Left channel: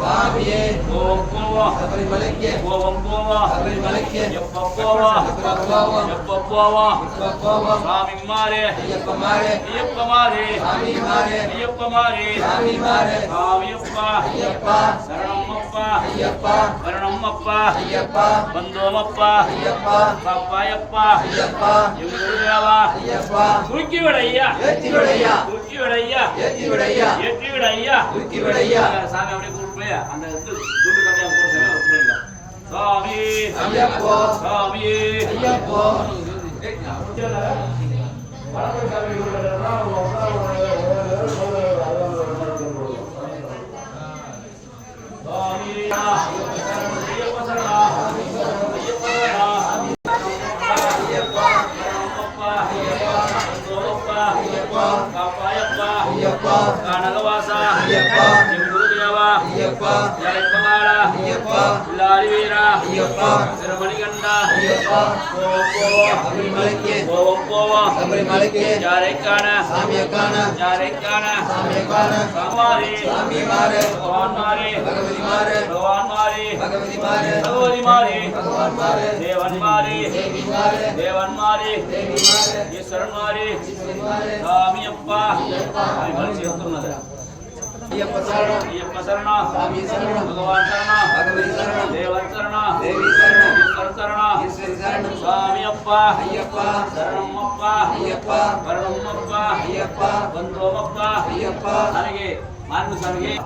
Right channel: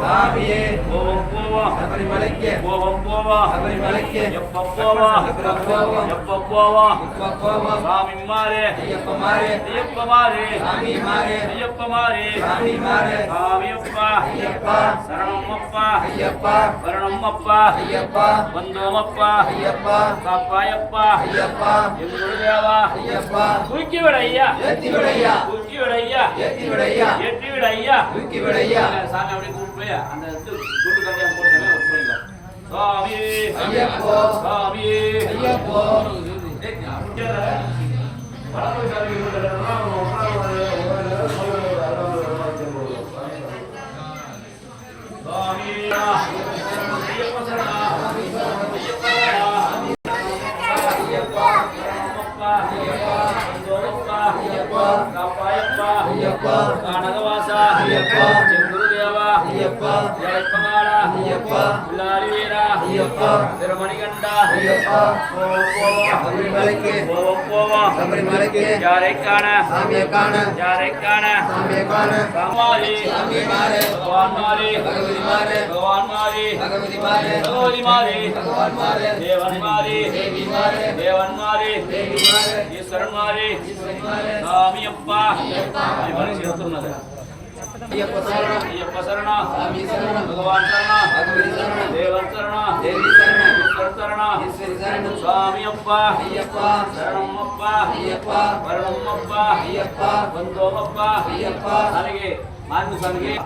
சாமியே போவோம் போவோம் சபரிமலைக்கு போவோம் போவோம் சபரிமலைக்கு எப்ப போவோம் எப்ப போவோம். எப்ப போவோம் இப்ப போவோம்? சாமி மாறே. ஐயப்ப மாறே ஐயப்ப மாறே. சாமி மாறே. ஐயப்ப மாறே. சாமி மாறே. சாமியப்பா ஐயப்பா. சரணம்மப்பா ஐயப்பா. வரணம்மப்பா ஐயப்பா. வந்தோமப்பா ஐயப்பா. காப்பாயப்பா ஐயப்பா. எங்குருதேவா ஐயப்பா. தூக்கி விடையா ஏத்தி விடையா தூக்கி விடையா ஏத்தி விடையா ஏற்றி விடையா தூக்கி விடையா சாமி அப்படியே போய் அந்த துண்டு கட்டையா போட்டு போயிடலாம் சாமி ஐயப்போ சாமி ஐயப்போ ஐயப்பா கனகவாசா ஐயப்பா ஐயப்பா லாரிவீரா ஐயப்பா திருமணிகண்டா போவோம் போவோம் சபரிமலைக்கு போவோம் போவோம் சபரிமலைக்கு யாரை காண சாமியை காண யாரை காண சாமியை காண சாமாரி பகவான் மாறி பகவான் மாறி பகவதி மாறே தேவன் மாறி தேவி மாறே தேவன் மாறி ஈஸ்வரன் சாமி அப்பா ஐயப்ப சரணம். ஐயப்ப சரணம். சாமி சரணம். பகவான் சரணம். பகவதி சரணம். தேவன் சரணம். தேவி சரணம். ஈஸ்வரன் சரணம். ஈஸ்வரி சரணம். சுவாமி அப்பா. ஐயப்பா. சரணம் அப்பா. ஐயப்பா. வரணம் அப்பா. ஐயப்பா. வந்தோம் அப்பா. ஐயப்பா. அழகே மாநில சாமியே.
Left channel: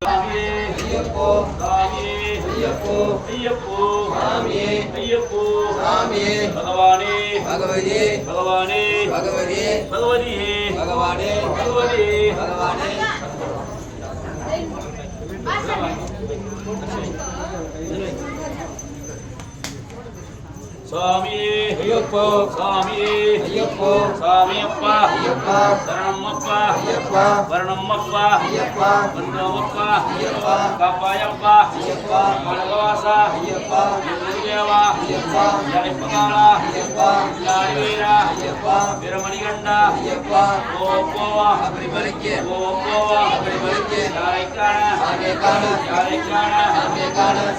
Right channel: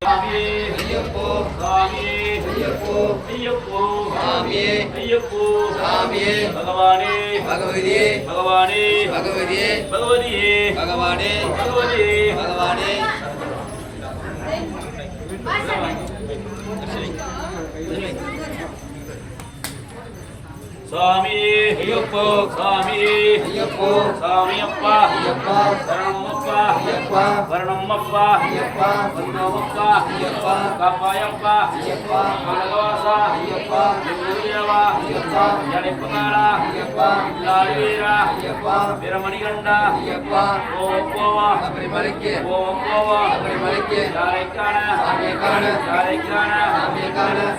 சாமியே. ஐயப்போ. சாமியே. ஐயப்போ. ஐயப்போ. சாமியே. ஐயப்போ. சாமியே. பகவானே. பகவதியே. பகவானே. பகவதியே. பகவதியே. பகவானே. பகவதியே. சாமி. ஐயப்போ. சாமி. ஐயப்போ. சாமி அப்பா ஐயப்பா. சரணமப்பா ஐயப்பா. வரணமப்பா. ஐயப்பா. வரணமப்பா. ஐயப்பா. காப்பாயப்பா. ஐயப்பா. மலகவாசா ஐயப்பா. எங்குருதேவா ஐயப்பா. ஜனிப்பகாலா ஐயப்பா. லாடிவீரா ஐயப்பா. பிரமணிகண்டா ஐயப்பா. ஓம் போவா. ஓம்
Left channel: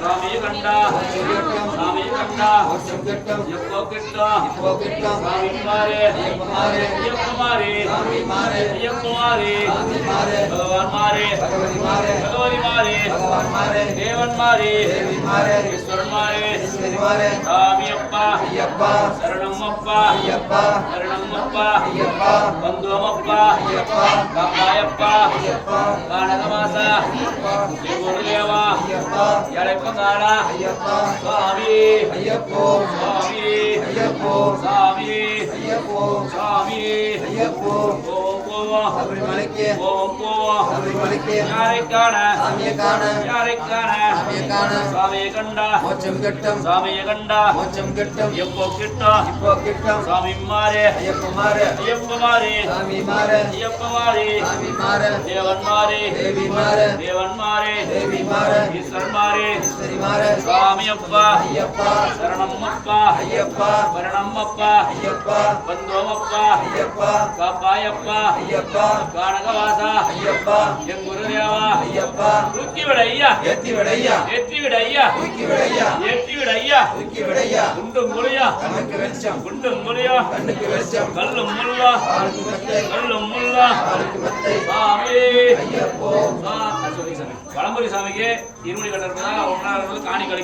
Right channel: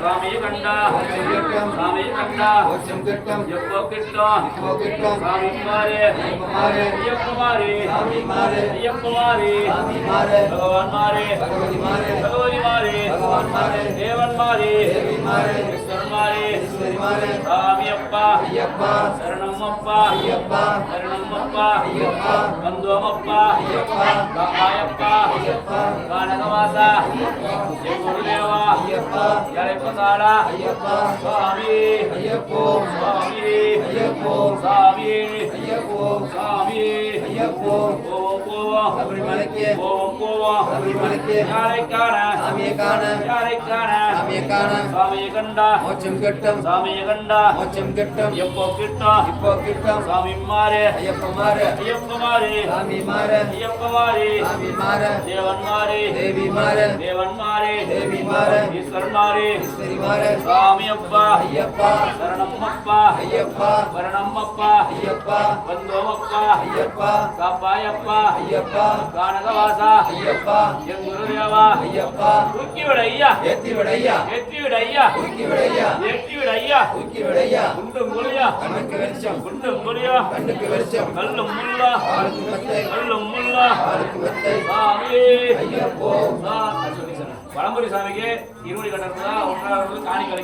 சாமி கண்டா சாமி கண்டா எப்போ கிட்டோம் சாமி குமாரே ஐயப்பமாரே ஐயப்பமாரே பகவான் மாரே பகவதி மாரே தேவன்மாரே ஈஸ்வரன்மாரே சாமியப்பா ஐயப்பா சரணம்மப்பா ஐயப்பா சரணம்மப்பா ஐயப்பா பந்துவமப்பா ஐயப்பா காப்பாயப்பா ஐயப்பா கானகவாசா தேவா ஐயப்பா எழைப்பதாடா ஐயப்பா சாமி ஐயப்போ சாமி ஐயப்போ சாமி ஐயப்போ சாமி ஐயப்போ ஓம் போ ஓம் போ மோட்சம் கிட்டும். சாமியை கண்டா. மோட்சம் கிட்டும். எப்போ கிட்டும் இப்போ கிட்டும். சாமி மாறு. ஐயப்ப மாறு. ஐயப்ப மாறு. சாமி மாறு. ஐயப்ப மாறு. சாமி மாறு. தேவன் மாறு. தேவி மாறு. தேவன் மாறு. தேவி மாறு. பெருமாறே சுவாமி அப்பா சரணம் அப்பா வரணம் அப்பா பந்தோம் அப்பா காப்பாய் அப்பா கானகவாசா என் குருதேவா தூக்கி விட ஐயா ஏற்றி விட ஐயா ஏற்றி விட ஐயா தூக்கி விட ஐயா ஏற்றி விட ஐயா தூக்கி விட ஐயா குண்டு மூலியா கண்ணுக்கு வெளிச்சம் குண்டு மூலியா கண்ணுக்கு வெளிச்சம் கல்லும் முல்லா கல்லும் முல்லா ஐயப்போ வளம்புரி சாமிக்கு இருமுடி கட்டறதுக்காக ஒன்றாவது காணி கிடைக்கும்